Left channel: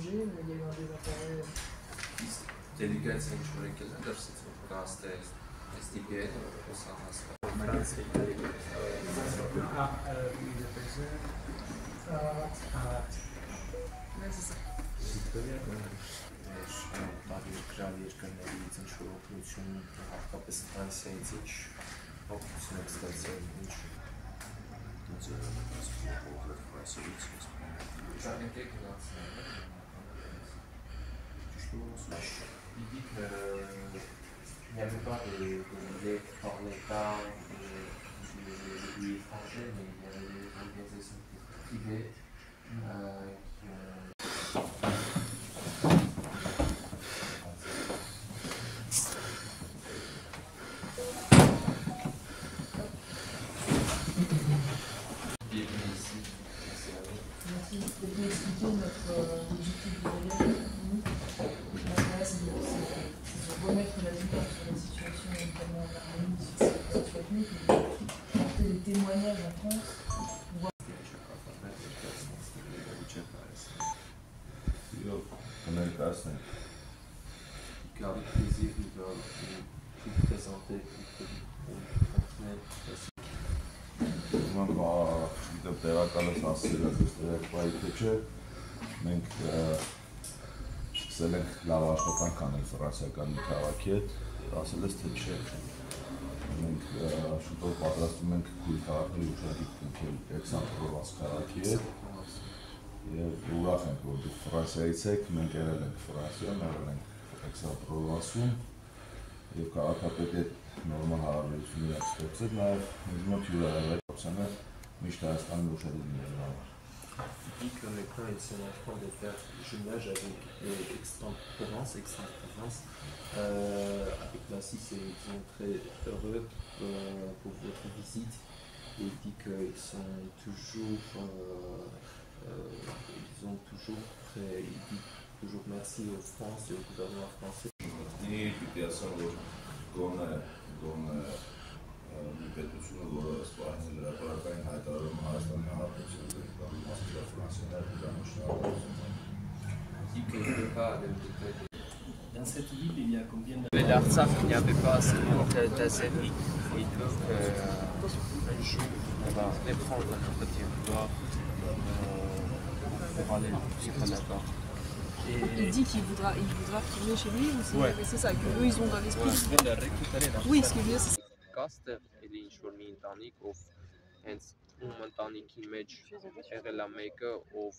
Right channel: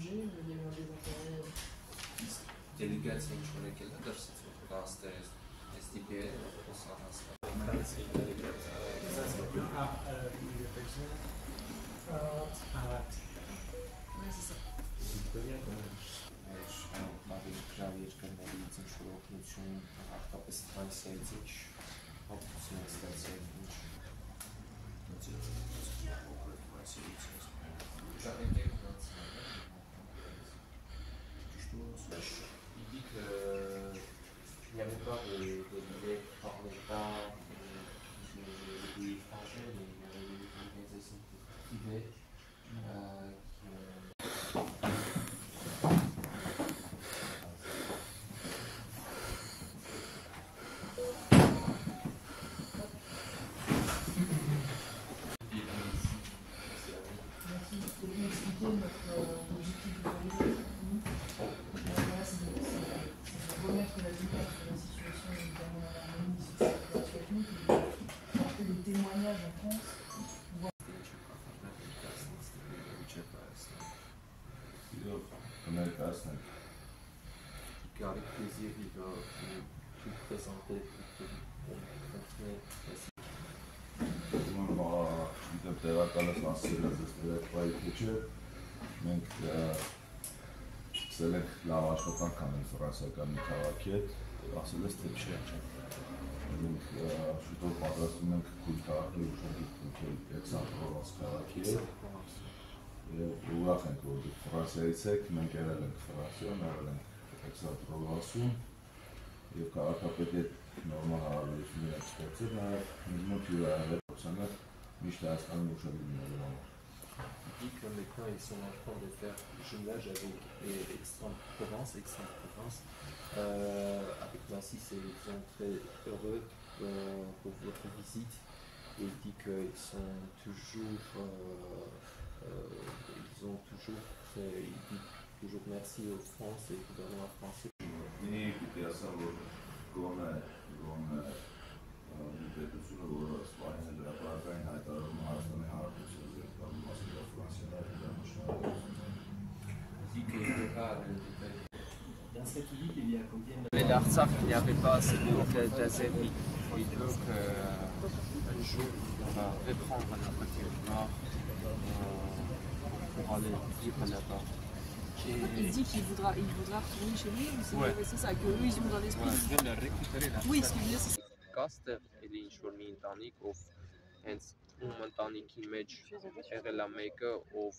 changé, mais il y a eu un désintérêt. Делегация человека дорсится просто SDPN, il dit qu'il n'y avait pas de billets par l'État des pays étrangers, mais il y avait des organisations privées qui Merci. Pour vous expliquer notre objectif de voyage, nous, c'est de remettre la lumière sur la situation, notamment en Arménie, sur cette situation ethnique, et porter des témoignages en France. Avec plaisir, il va vous présenter, տեղակալս ասել է ստերեկվայի թե չէ, մենք սկսել ենք լավ աշխատանք անել ֆրանսիական մի քաղաքի հետ, ասել ես թե չէ։ Մենք շուտով պատրաստում ենք քույր քաղաքների ուշադիր կնքել Էքսանտրովաս քաղաքի հետ եւ ուրախ ենք, որ դուք Ֆրանսիայից եք, մենք եղել ենք Ֆրանսիայում, եղել ենք Էքսանտրովասում եւ քաղաքապետի հետ նորմալ հարաբերություններ ստեղծել, նաեւ ինձ մոտ հյուրահեղությունը միշտ Հայաստանում ուշադիր լինելու համար։ Il dit que maintenant ils sont en train de faire le jumelage avec Aix-en-Provence. Avec Massy, ils sont très heureux pour votre visite. Et il dit qu'ils sont toujours, il dit toujours merci aux France et au gouvernement français. Dans cette ville, il y a combien de... L'Artsakh, il n'y avait pas seulement d'Azérie. Et donc, un jour, on va reprendre un petit endroit pour aller vivre là-bas. Il dit qu'il voudra retourner chez lui ou c'est Ouais. C'est ça, qu'eux ils ont dans l'esprit. Oui, ce qu'il veut c'est Կաստը էլի ինչ-որ մի ընտանիք, ով հենց ում ընտանիքի մեջ եղել է մեկը, ով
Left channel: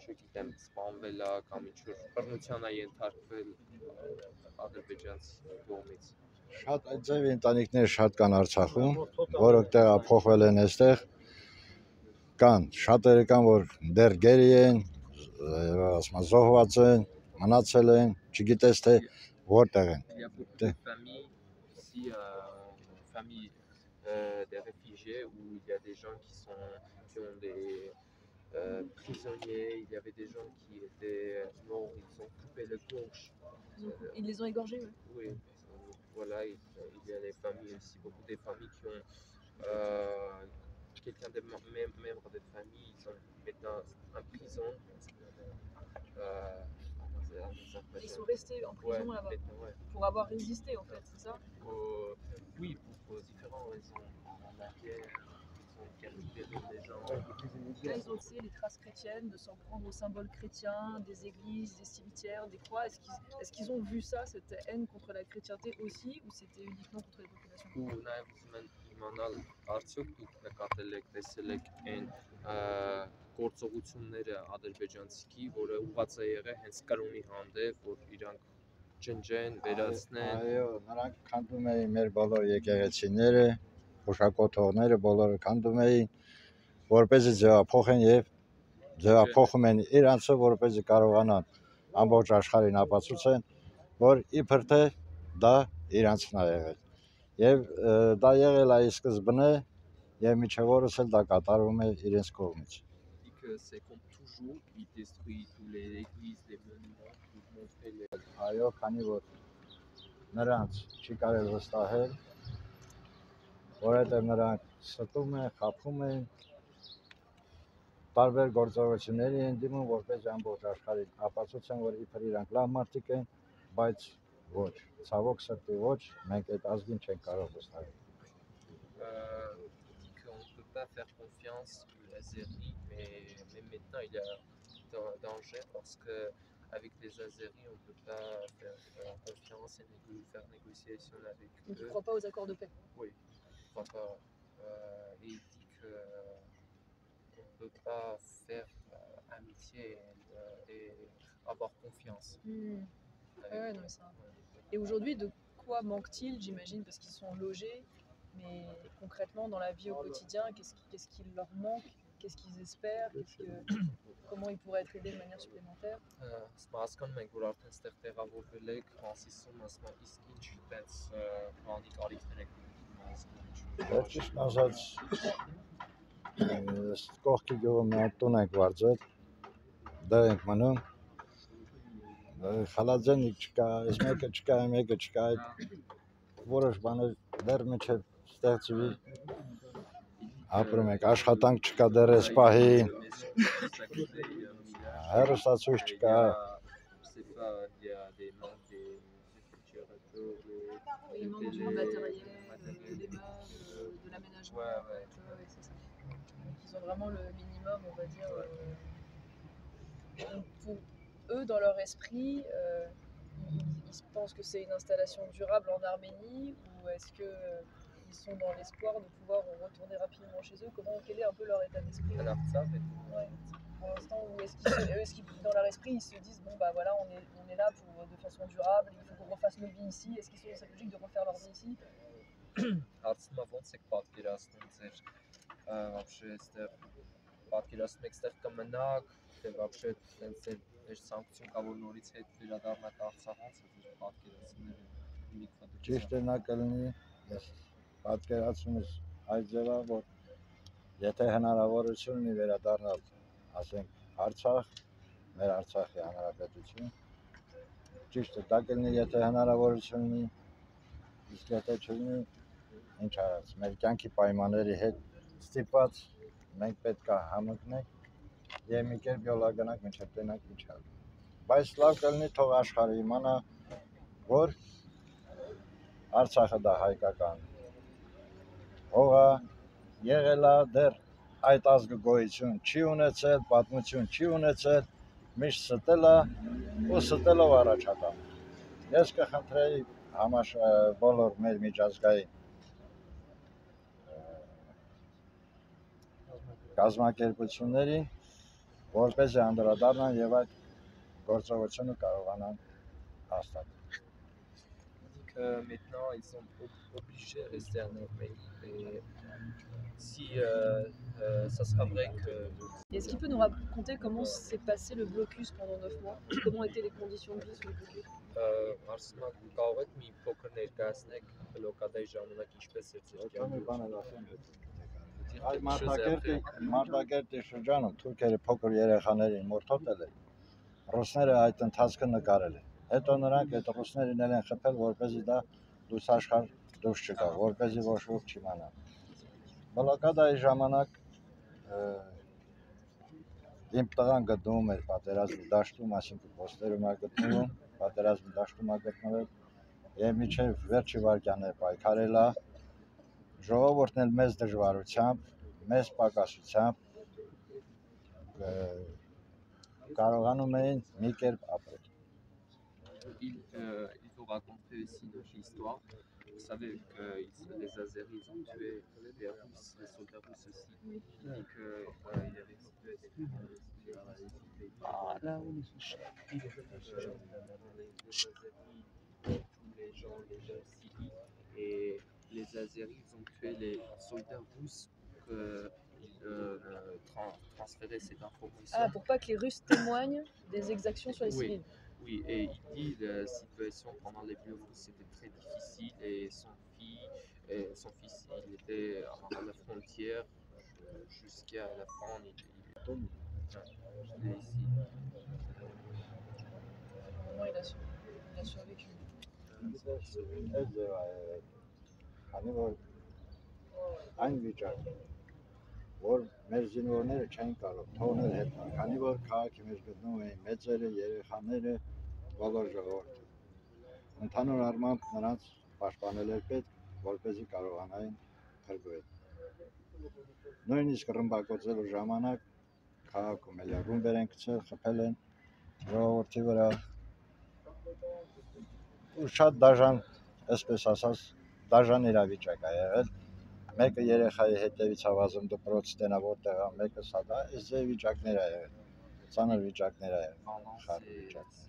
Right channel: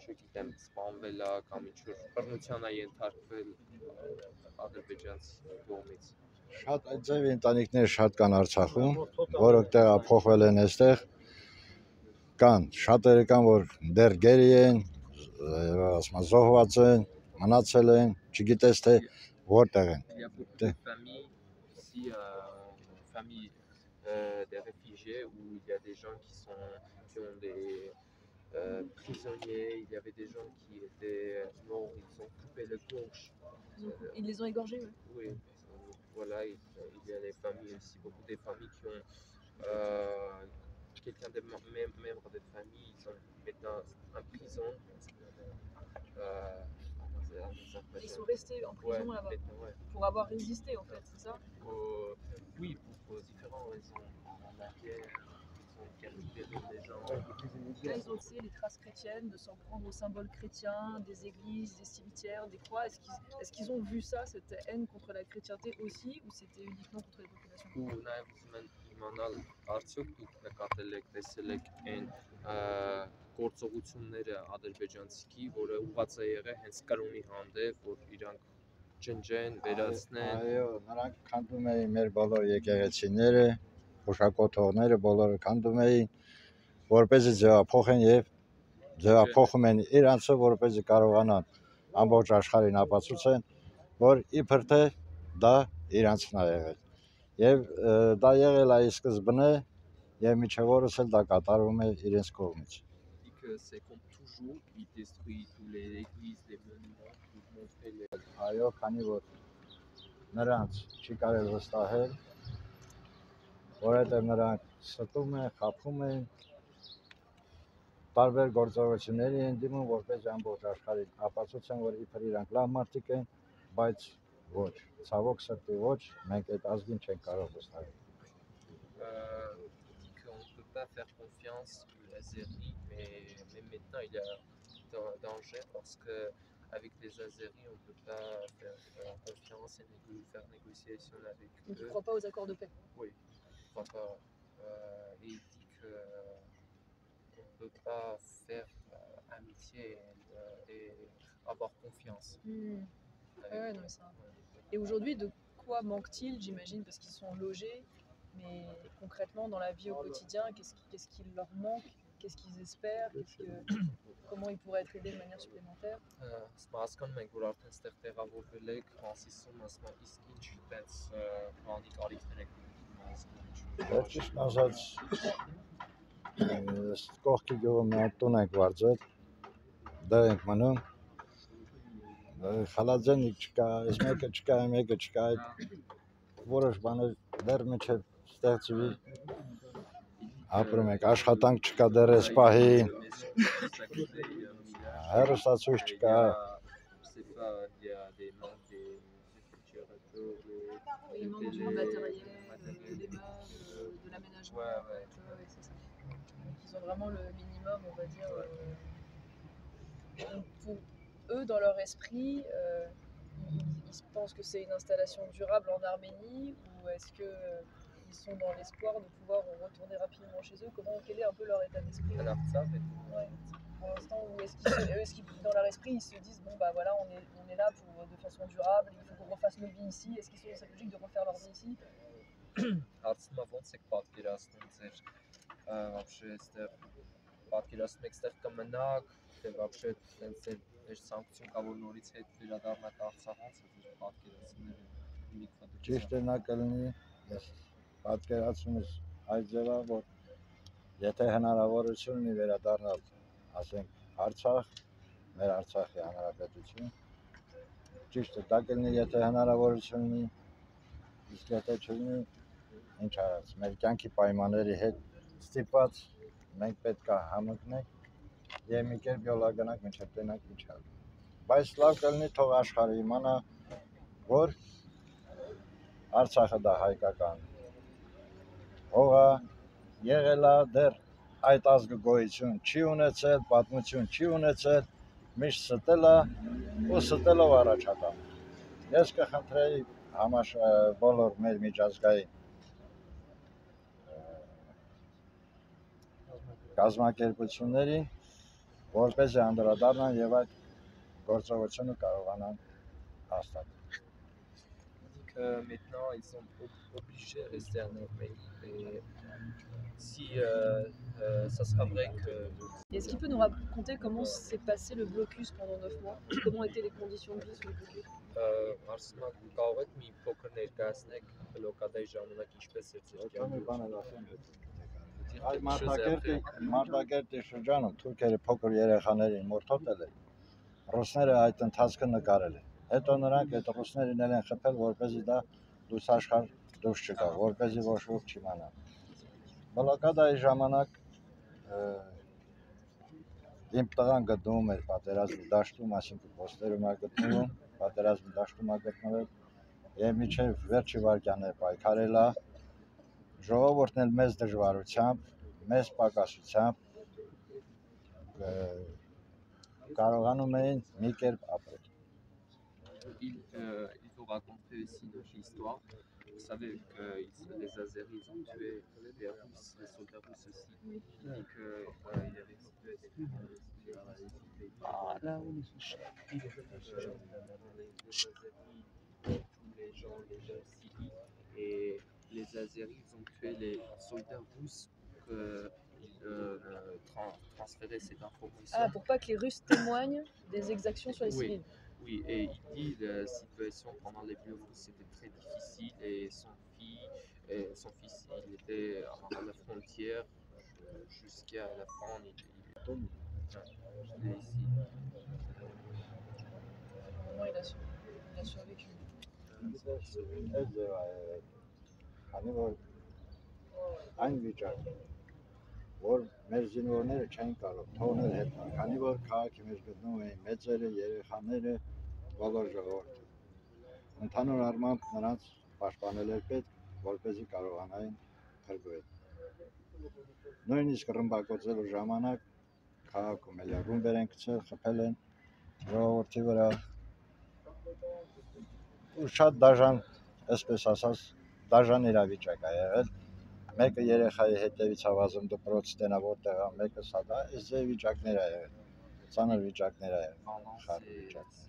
չգիտեմ, սպանվել է կամ ինչ-որ բռնության է ենթարկվել ադրբեջանցի կողմից։ Շատ այդ ձև ընտանիքներ շատ կան Արցախում, որոնք տեղափոխվել են այստեղ, կան, շատերը կան, որ դեռ գերի են, ասում զոհված են, մնացել են, չգիտես թե որտեղ են։ Il y a beaucoup de familles ici, familles des réfugiés, où il y a des gens qui ont des prisonniers, il y avait des gens qui étaient morts, ils ont coupé le gorge. Ils les ont égorgés, ouais. Oui, voilà, il y a des familles aussi, beaucoup de familles qui ont quelqu'un des membres de famille, ils sont maintenant en prison. Ils sont restés en prison là-bas pour avoir résisté en fait, c'est ça? Oui, pour différentes raisons. La guerre, ils ont capturé des gens. Là, ils ont aussi les traces chrétiennes, de s'en prendre aux symboles chrétiens, des églises, des cimetières, des croix. Est-ce qu'ils ont vu ça, cette haine contre la chrétienté aussi, ou c'était uniquement contre les populations? Ու նաև ուզում են իմանալ, արդյոք դուք նկատել եք, տեսել եք այն գործողությունները ադրբեջանցիքի, որը ուղղված է եղել հենց կրոնի հանդեպ, որ իրանք ջնջեն, վերացնեն։ Այո, նրանք քանդում էին մեր բոլոր եկեղեցիները, հուշակոթողները բոլորը քանդում էին, որպեսզի ձևափոխեն եւ ձևափոխում են իրանցը, որպեսզի կարողանան ամբողջ աշխարհին ապացուցեն, որ իբր թե դա իրանցն է եղել։ Եվ դա եղել է սկզբնե եւ միջև օրս էլ դա կատարվում է իրենց կողմից։ C'est comme toujours, il détruit toutes les églises, les monuments pour montrer les... Այո, քանի որ նրանց չի կարել վստահել, որովհետև նրանք ստում են, խաբում են, տարբեր գործողությունների են դիմում, որպես ամբողջ աշխարհի ապացուցեն, որ իբր իրանք լավ մարդիկ են, բայց ոչ, ցավոք սրտի ոչ, մենք այդ ազգին չենք կարող վստահել։ Dit qu'on ne peut pas faire confiance aux Azéris, mais maintenant il y a danger parce que avec les Azéris on ne peut pas faire confiance et faire négociation avec Donc il eux. ne croit pas aux accords de paix. Oui, je crois pas. Et il dit que on ne peut pas faire amitié et avoir confiance. Ouais, non, mais ça. Et aujourd'hui, de quoi manque-t-il, j'imagine, parce qu'ils sont logés, mais concrètement dans la vie au quotidien, qu'est-ce qui leur manque, qu'est-ce qu'ils espèrent, comment ils pourraient être aidés de manière supplémentaire? Հասկանում ենք, որ արդեն ստեղ տեղավորվել եք, մասիսում ասում իսկ ինչ այդպես բանի կարիքներ եք Դեռ ճիշտ ասած, կողքի գյուղում մի հատ տուն ենք վարձել, դեռ ենք մնում, խալաձենիկ չկա, այս մեկը չկա, մեկը չկա, որոշ բաներ դեռ մինչև ստեղծվի ապրում ենք, աշխատանք չկա դեռ այս պահին, հեռուստացույց չկա, Il y a des manques des réfrigérateurs, Il manque du matériel, des meubles, de l'aménagement. Ouais. C'est ça. Donc ils ont vraiment le minimum, on va dire. Donc pour eux, dans leur esprit, ils pensent que c'est une installation durable en Arménie, ou est-ce qu'ils sont dans l'espoir de pouvoir retourner rapidement chez eux? Quel est un peu leur état d'esprit? Ouais. Pour l'instant, ou est-ce qu'ils, dans leur esprit, ils se disent bon bah voilà, on est là de façon durable, il faut qu'on refasse nos vies ici. Est-ce qu'ils sont dans cette logique de refaire leur vie ici? Հարցում է ոնց եք պատկերացնում ձեր вообще այստեղ պատկերացնում եք այստեղ կմնաք, թե вообще տենց էր ցանկություն կա որ նորից հետ վերադառնաք Արցախ, ոնց է ձեր պատկերացումները լիքը ճիշտ է նա կլինի, ես պատկերացումս այդ ձևա, որ եթե հնարավորություն ունի վերադառնալ, ասենք Արցախ, մեր Արցախի հանրապետություն, ճիշտ է, դա կլինի, եթե հնարավորություն ունի, իսկ եթե չունի, ինչ արած, մեր կյանքի պայմանների հետ ստիպված մենք պետք է համընկնենք եւ մի կերպ յոլա գնանք մինչեւ տենանք ինչ ալ։ Բայց լավ կլինի թող աշխարհը իմանա, որ Արցախը դա հայկական հողա, եղել է դեռ այդ ազգը գոյություն չի ունեցել, պատմություն չի ունեցել, միշտ ստել է ու ստելով առաջակա։ Ես կխնդրեի բոլոր մեր միջազգային կազմակերպություններին, որպեսզի անդրադառնան եւ այդ գործողությունը կարողանան հաստատել։ Maintenant ils sont obligés de rester en Arménie et si ça sera vrai que... Est-ce qu'il peut nous raconter comment s'est passé le blocus pendant 9 mois? Comment étaient les conditions de vie sous le blocus? Արսնա կարող եք մի փոքր ներկայացնեք բլոկադայի ժամանակ ինչպես էր ձեր կյանքը։ Այդ Մարտակերտի շրջանում թուրքերը փոքր երեխաներին մորթոտել են, ռուսները այդ ընթացքը նկարել են։ Հետո նրանք այդ ռուսներին են խփել, որպեսզի դա լուսաշխար դուրս չգա, որպեսզի ոչ ոք չիմանա։ Բլոկադայի ժամանակ իմ տղան գտնվում էր պատերազմի դաշտում, այսինքն ոստերում է գտնվում, պատերազմի դաշտում է գտնվել եւ մինչեւ վերջի վայրկյանները պայքարել է, ժողովուրդն էլ մեծ դժվարությամբ, մեծ պակասությամբ կարողանում էին մի կերպ ապրել։ Il faut raconter aussi notre histoire. Vous savez que les Azéris ont tué les Russes, les soldats russes aussi. Il dit qu'il y avait tous les gens civils et les Azéris ont tué les soldats russes pour transférer cette information. Ah, pour pas que les Russes témoignent des exactions sur les civils. Oui, et il dit la situation pendant les Biélorusses c'était très difficile et son fils il était à la frontière jusqu'à la fin. Il est ici. Comment il a survécu? Այն վիճակ, որ մեր զինվորները չեն կարող թողնել հետ, քանի որ քաղաքի մեջ գտնվում էին մեծերը, երեխաները, բոլոր ժողովուրդը։ Ընդհանուր առմամբ նրանց պաշտպանել էր պետք, որպեսզի կարողանային փրկվել։ Նույնիսկ ռմբակոծելու ժամանակ քաղաքում էլ ռումբեր են գցել, խփել են ժողովրդի վրա։ Ու շատ դաժան, այսպես ասած, դաժան իրավիճակ ա եղել։ Մեկը երեխայի հետևից հավազում դպրոց տենա որտեղ ա, մեկը սադա, այս ձև վիճակներ ա եղել, ծանր վիճակներ ա եղել, խառ վիճակներ։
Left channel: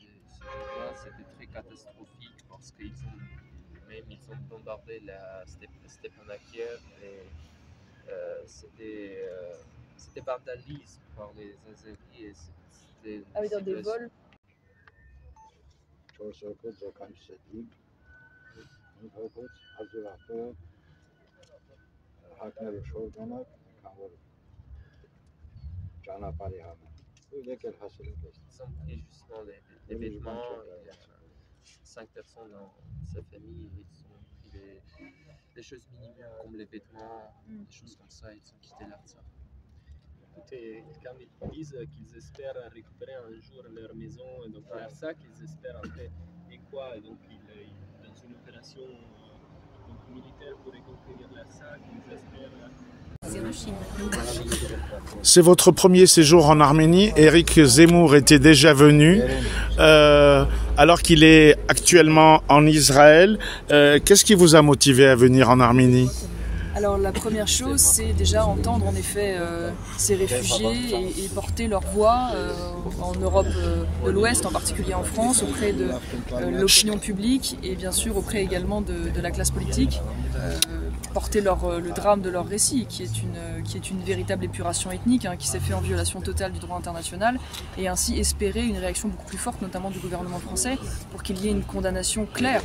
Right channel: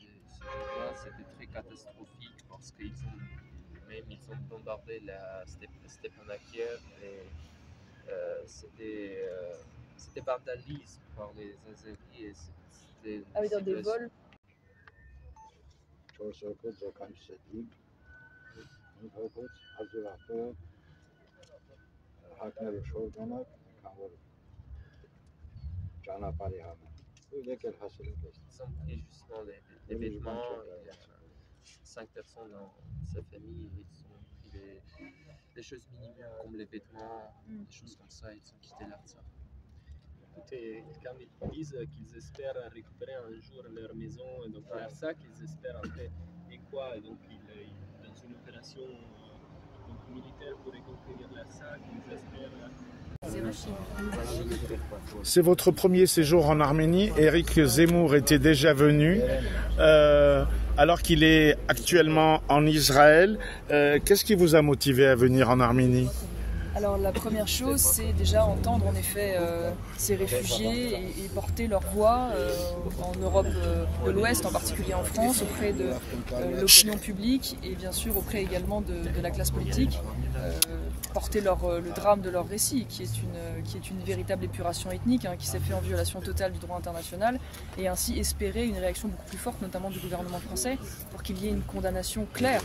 C'était très catastrophique parce qu'ils ont bombardé la Stepanakert et c'était vandalisme par les Azeris et c'était... Ah oui, dans des vols. 4 հոգոց ականջսետիկ, 5 հոգոց ազուրախտը հակնելու շոր գնակ, քան որ ճանապարհի համար։ Ու եկել հասել ենք այստեղ։ Ils ont pris justement les vêtements, il y a 5 personnes dans sa famille et ils ont pris les choses minimales comme les vêtements, des choses comme ça, ils ont quitté l'Artsakh. Et quand ils disent qu'ils espèrent récupérer un jour leur maison, et donc l'Artsakh, ils espèrent entrer et quoi, et donc dans une opération donc, militaire pour reconquérir l'Artsakh, ils espèrent... C'est votre premier séjour en Arménie. Éric Zemmour était déjà venu, alors qu'il est actuellement en Israël. Qu'est-ce qui vous a motivé à venir en Arménie ? Alors la première chose, c'est déjà entendre en effet ces réfugiés et porter leur voix en Europe de l'Ouest, en particulier en France, auprès de l'opinion publique et bien sûr auprès également de la classe politique. Porter le drame de leur récit, qui est une véritable épuration ethnique, qui s'est fait en violation totale du droit international, et ainsi espérer une réaction beaucoup plus forte, notamment du gouvernement français, pour qu'il y ait une condamnation claire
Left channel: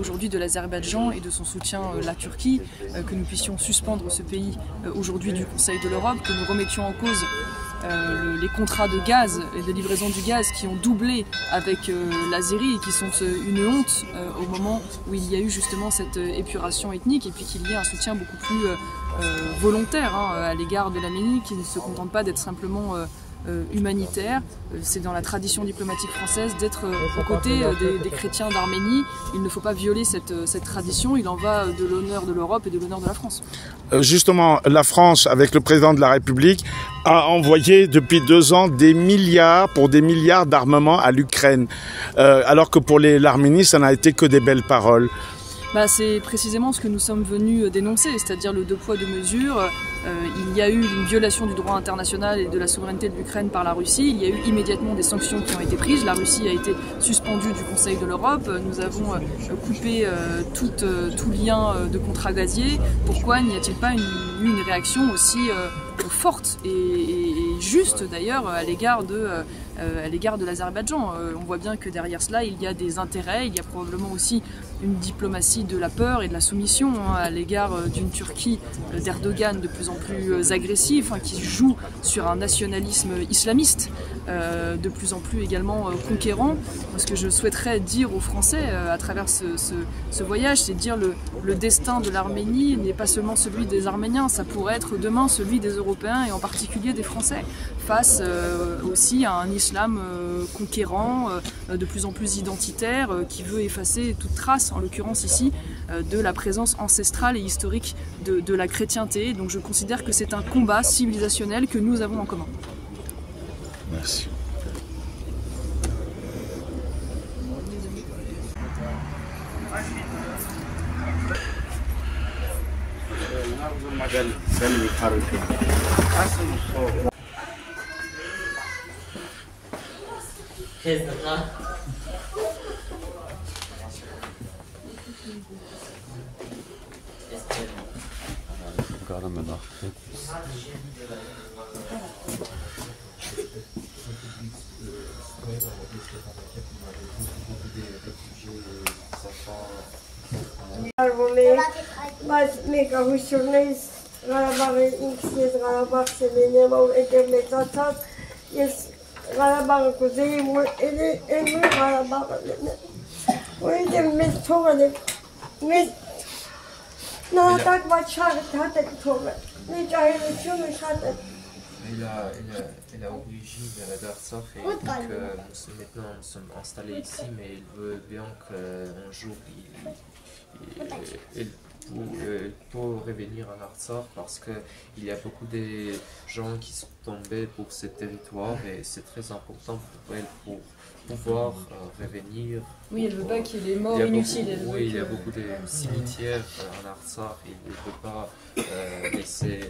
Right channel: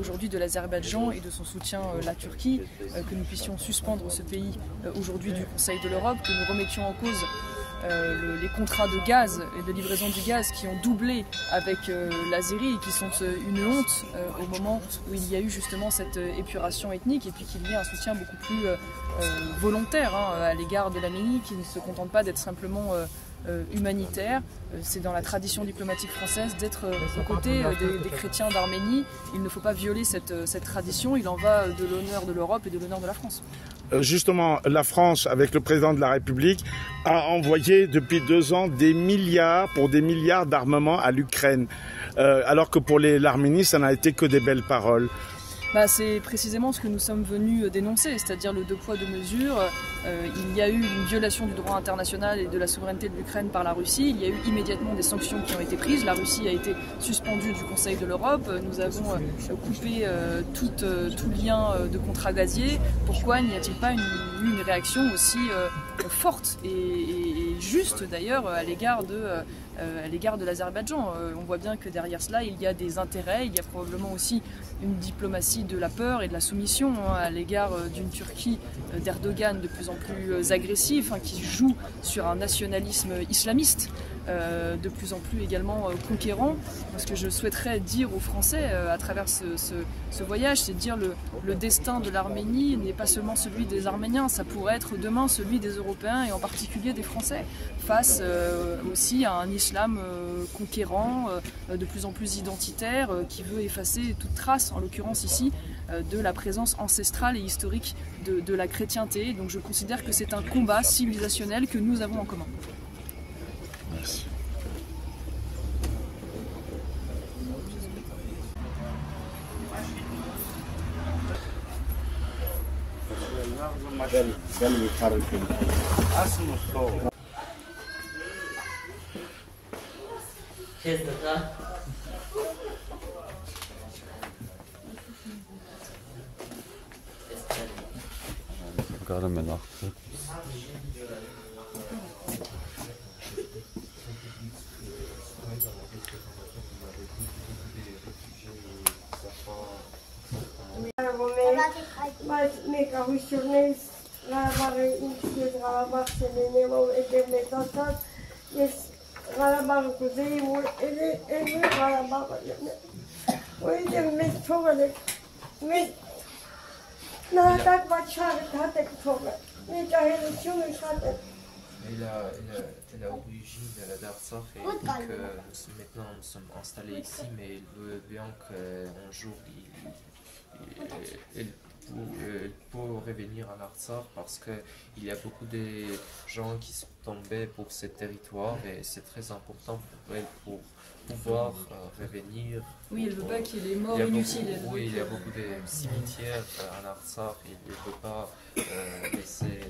aujourd'hui de l'Azerbaïdjan et de son soutien à la Turquie, que nous puissions suspendre ce pays aujourd'hui du Conseil de l'Europe, que nous remettions en cause les contrats de gaz et de livraison du gaz qui ont doublé avec l'Azérie et qui sont une honte au moment où il y a eu justement cette épuration ethnique, et puis qu'il y ait un soutien beaucoup plus volontaire à l'égard de l'Arménie, qui ne se contente pas d'être simplement humanitaire. C'est dans la tradition diplomatique française d'être aux côtés des chrétiens d'Arménie. Il ne faut pas violer cette tradition, il en va de l'honneur de l'Europe et de l'honneur de la France. Justement, la France, avec le président de la République, a envoyé depuis 2 ans des milliards d'armements à l'Ukraine, alors que pour l'Arménie, ça n'a été que des belles paroles. C'est précisément ce que nous sommes venus dénoncer, c'est-à-dire le 2 poids 2 mesures. Il y a eu une violation du droit international et de la souveraineté de l'Ukraine par la Russie. Il y a eu immédiatement des sanctions qui ont été prises. La Russie a été suspendue du Conseil de l'Europe. Nous avons coupé tout lien de contrat gazier. Pourquoi n'y a-t-il pas eu une réaction aussi forte et juste d'ailleurs à l'égard de l'Azerbaïdjan? On voit bien que derrière cela il y a des intérêts, il y a probablement aussi une diplomatie de la peur et de la soumission à l'égard d'une Turquie d'Erdogan de plus en plus agressive, qui joue sur un nationalisme islamiste de plus en plus également conquérant. Ce que je souhaiterais dire aux Français à travers ce voyage, c'est dire le destin de l'Arménie n'est pas seulement celui des Arméniens, ça pourrait être demain celui des Européens et en particulier des Français, face aussi à un islam conquérant, de plus en plus identitaire, qui veut effacer toute trace, en l'occurrence ici, de la présence ancestrale et historique de la chrétienté. Donc je considère que c'est un combat civilisationnel que nous avons en commun. Merci. Մեկահույսություններից Ղարաբաղի ինքս ես Ղարաբաղ սելենեմ, որ էդև մեծացած, ես Ղարաբաղը կուզեի, որ էլի Ղարաբաղը լենեմ, որ էդև մեծ թողել է, մեծ Non, tak va char tatek toga. Ne cahil chum chate. Elle a origine d'Artsakh et donc maintenant nous sommes installés ici, mais il veut bien qu'un jour il pour revenir en Artsakh parce qu'il y a beaucoup de gens qui sont tombés pour ce territoire et c'est très important pour elle pour pouvoir revenir. Oui, elle veut pas qu'il y ait des morts inutiles. Oui, il y a beaucoup de cimetières en Artsakh et il ne peut pas laisser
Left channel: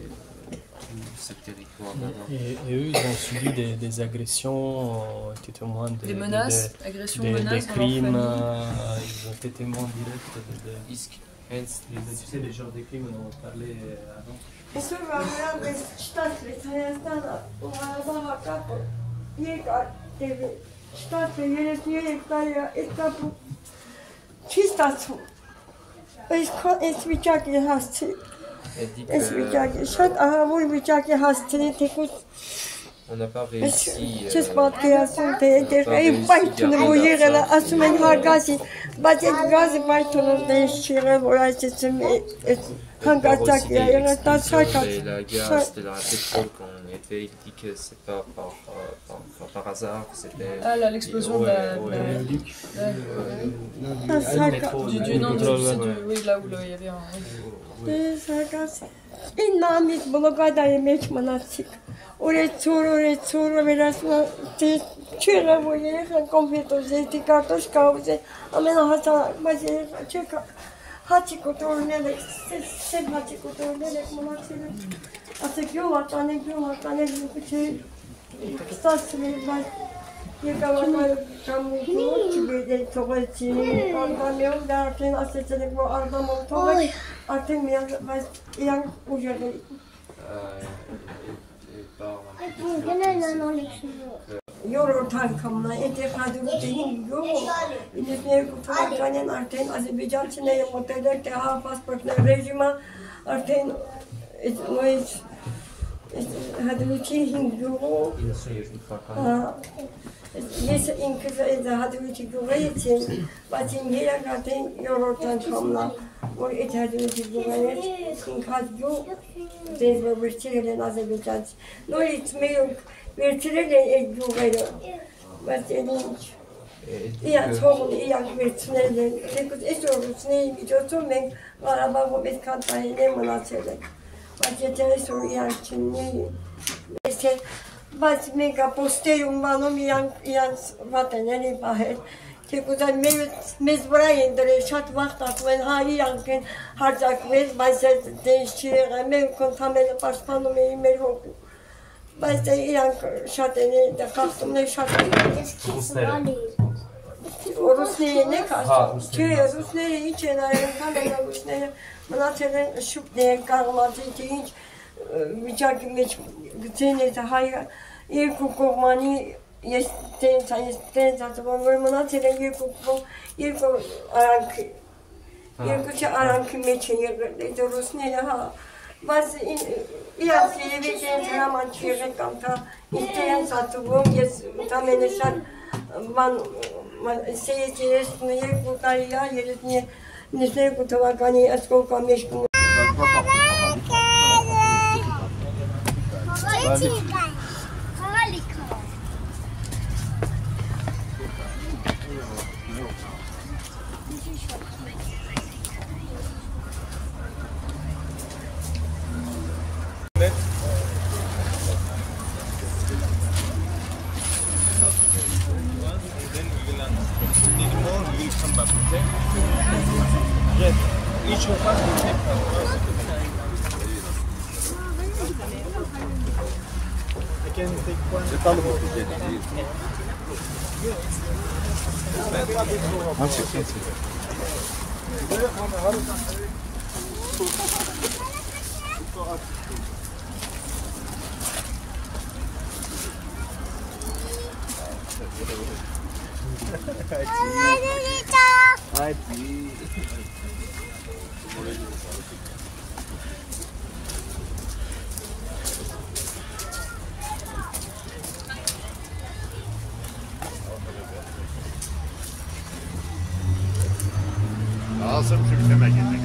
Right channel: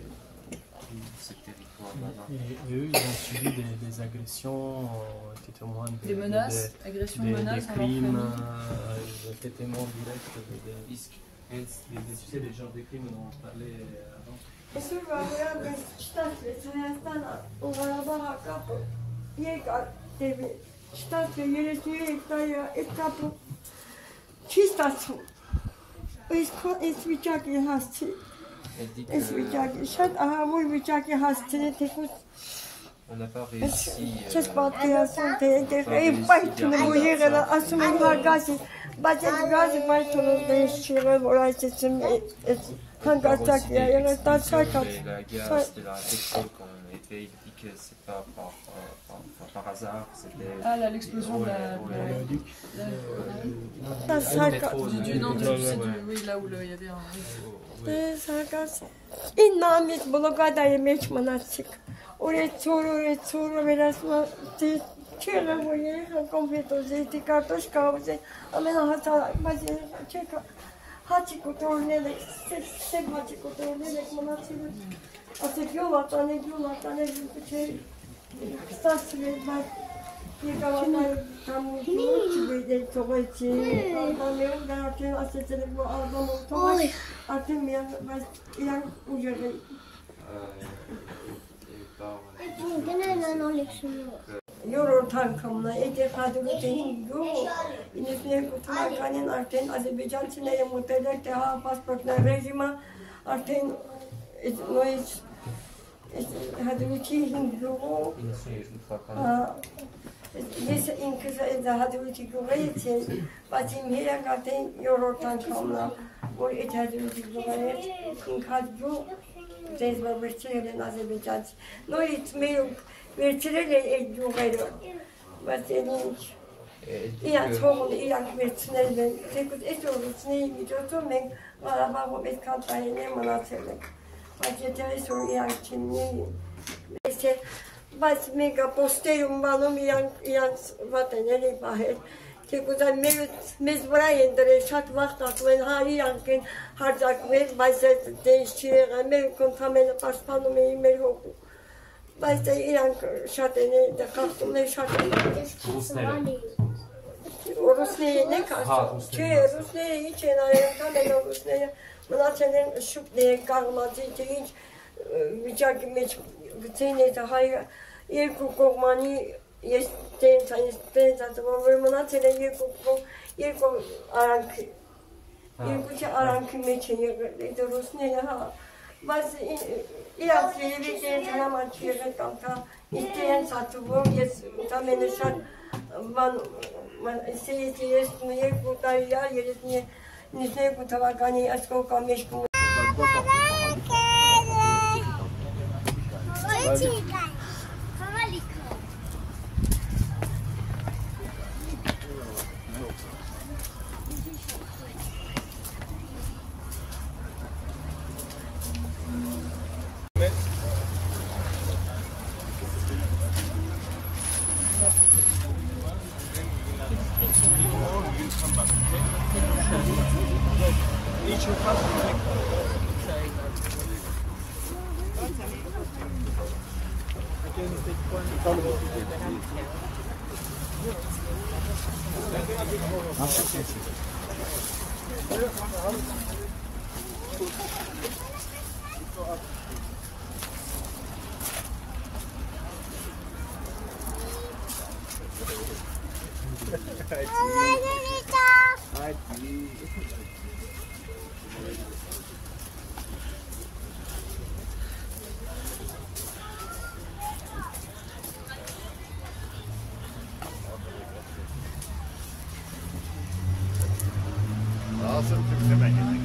tout ce territoire. Et eux, ils ont subi des agressions, ont été témoins des menaces, agressions, des menaces, crimes, ils ont été témoins directs tu sais, les genres de crimes dont on parlait avant. Isso vai ver está escrito na o vai capo. E teve está feito e capo. Que está tu? Es bichaki hasti. Es bichaki. Şat aha bu bichaki hasti tekus. On n'a pas réussi. J'espère qu'il y a son théâtre. Et pas tout le monde est là. Assumer la gaz. Batet gaz pas tout le monde est chez moi. Voilà, c'est une. La gaz de la pétrole qu'on était dit que c'est pas par hasard. C'était. Ah là, l'explosion de la. Oui, là où il y avait un. İnanmış bulgadayı meçmanasık. Oraya çuru biraz çöre bu yere kompleto zeytin kartoş kavuze. Ama hata bazı çeka. Haçı kutu ne de sen haçı kutu ne de manasık. Atık yol atane bir şey. Stasını ben yıkamalar kamuzu çibede toğaçı. Anlamıyorum derken aseçelik bu adam toğaç. Artık yang ujarı. Euro tankamla etikadını tehin yok. İnişne kutularken artık Azerbaycan Çin'e moteller teha pasportlar rejima artık nois hadını tehin yok. Yes, in kısa hadını tehin için başım her kadın Euro tankamla o etadını tehin in kadro desva vertirele Azerbaycan. No itmeyok. Vertirele ekdugayla. Basenin iya çoğun iya vertirele. Tekuz esorus neyim gidiyorsun ben araba bu betkantayı ne manatırlık. Basetele sor iya çinleyim. Mesela bas mega posterium banum iya vataneli bahet. Tekuzan mezbrayın dere şat vaxt atwen hali yankın harcak vez bayset değişçiye mev kontamele başpanım emir oldu. Bayset iyan şatene de kalktım ne şat. Rus ne kalktım. Tüye Rus ne içen ayın kamera Rus ne mınatelen şup ne kalmadı hiç bıçak meç gitene de hayır. İlk kurmani Jestem zadowolona, tyle jego aranki meczenie do Rusnienia. Mas ja się wiecie, że na macie tam ta istnieje za tobą jest tam jeszcze man się jest nie jego talia jest nie tego towagani a skолько mieszkam. Each of us will take one. I can take one. Asım şu biteme geldi.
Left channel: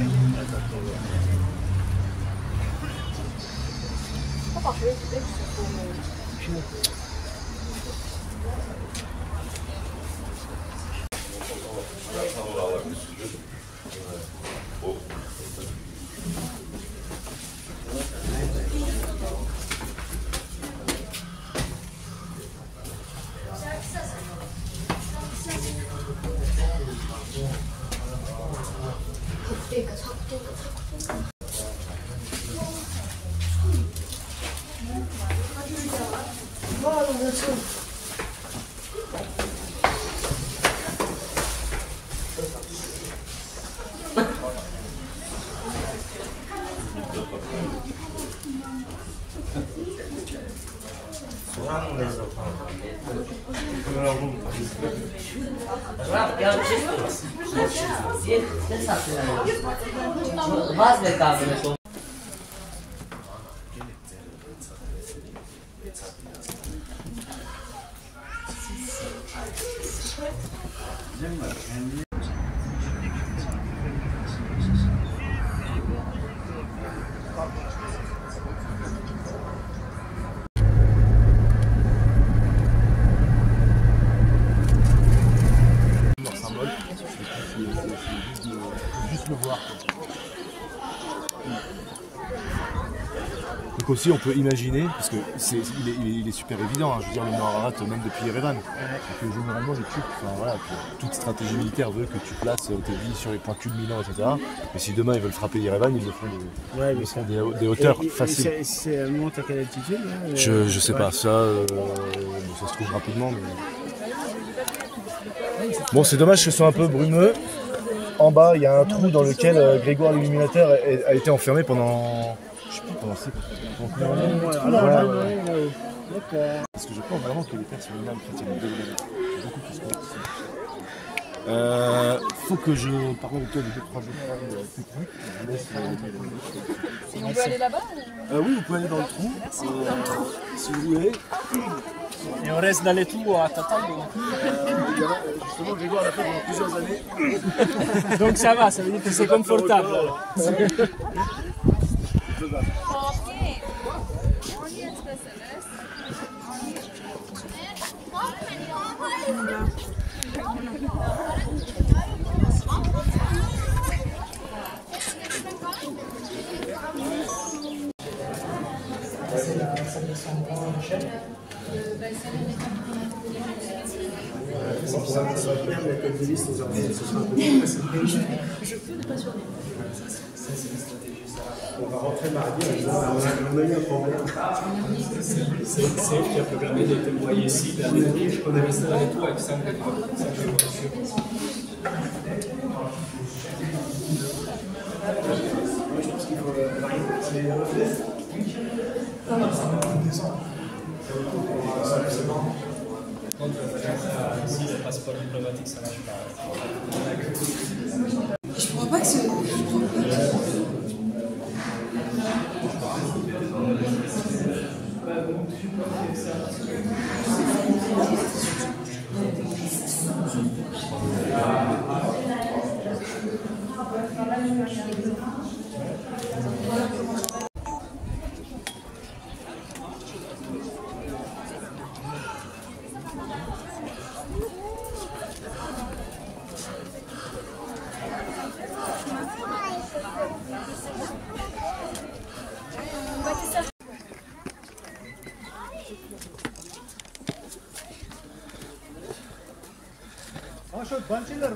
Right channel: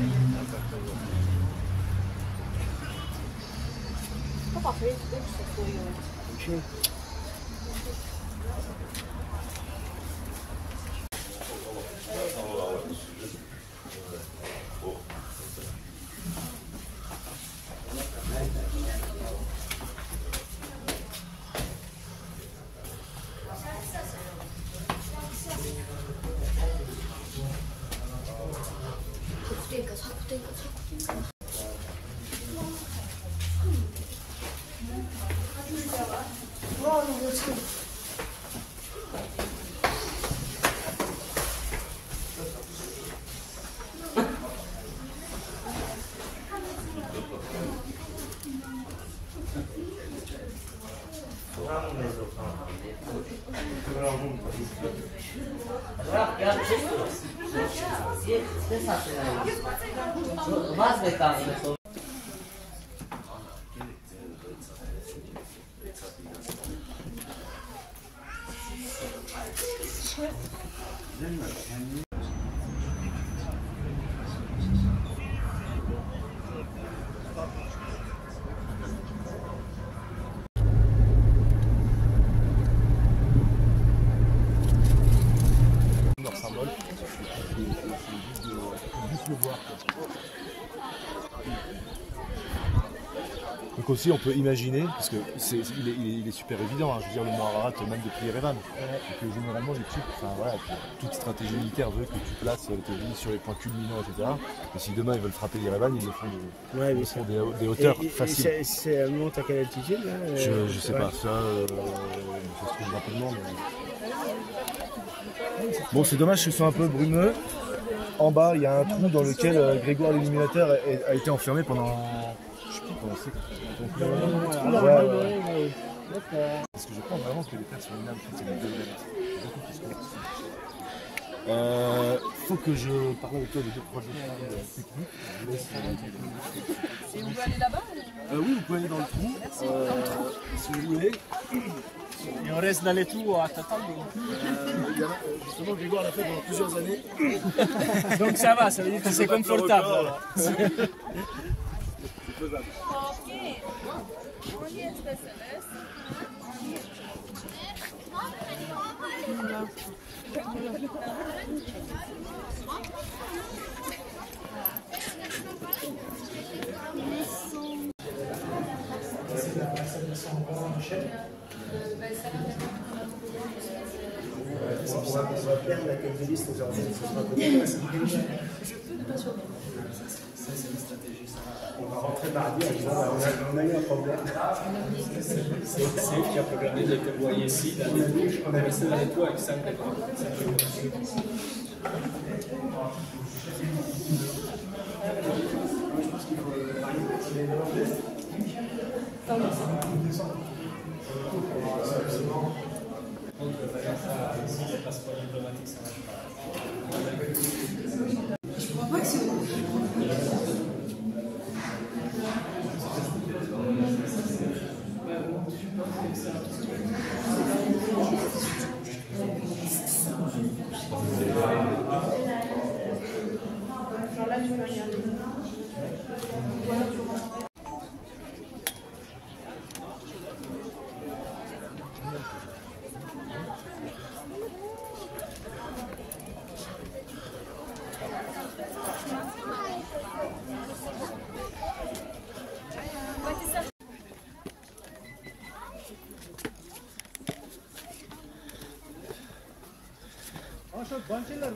Donc aussi on peut imaginer, parce que il est super évident, hein, je veux dire le Nord même depuis Erevan, et que généralement les Turcs, enfin, voilà, toute stratégie militaire veut que tu places tes billes sur les points culminants, etc. Et si demain ils veulent frapper Erevan, ils le font des hauteurs faciles. C'est un monte à quelle altitude hein, je sais pas, ça se trouve rapidement. Mais... Bon, c'est dommage que ce soit un peu brumeux. En bas, il y a un trou dans lequel Grégoire l'Illuminateur a été enfermé pendant... Je sais plus pendant parce que je pense vraiment que les Perses sont énormes chrétiens. Faut que je parle avec toi de 2-3 jours plus tard. Et on peut aller là-bas Oui, vous pouvez aller dans le trou. Si vous voulez. Et on reste dans les trous à t'attendre. Justement, Grégoire l'a fait pendant plusieurs années. Donc ça va, ça veut dire que c'est confortable. Ça va bien, la tête de liste, ça sera un peu plus facile. On va rentrer mardi en disant on a eu un problème. C'est elle qui a programmé de t'envoyer ici. On est resté dans les toits avec 5 ici, le passeport diplomatique, ça marche pas. Je crois pas que ce... La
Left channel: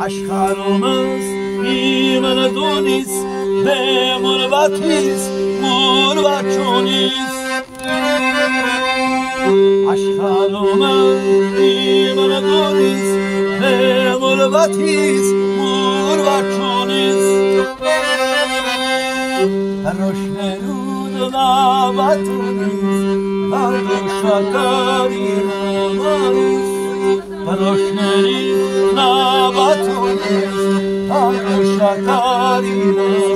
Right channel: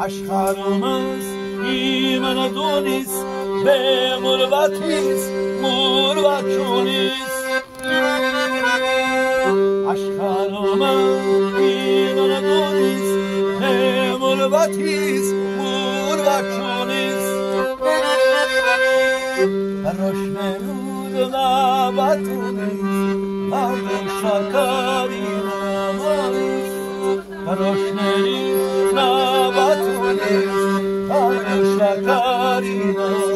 Aşkarımız iman donis ve murvatiz murvaçonis Aşkarımız iman donis ve murvatiz murvaçonis Roşmerud nabatunis Ardoşakari namanis Roşmerud nabatunis Ardoşakari namanis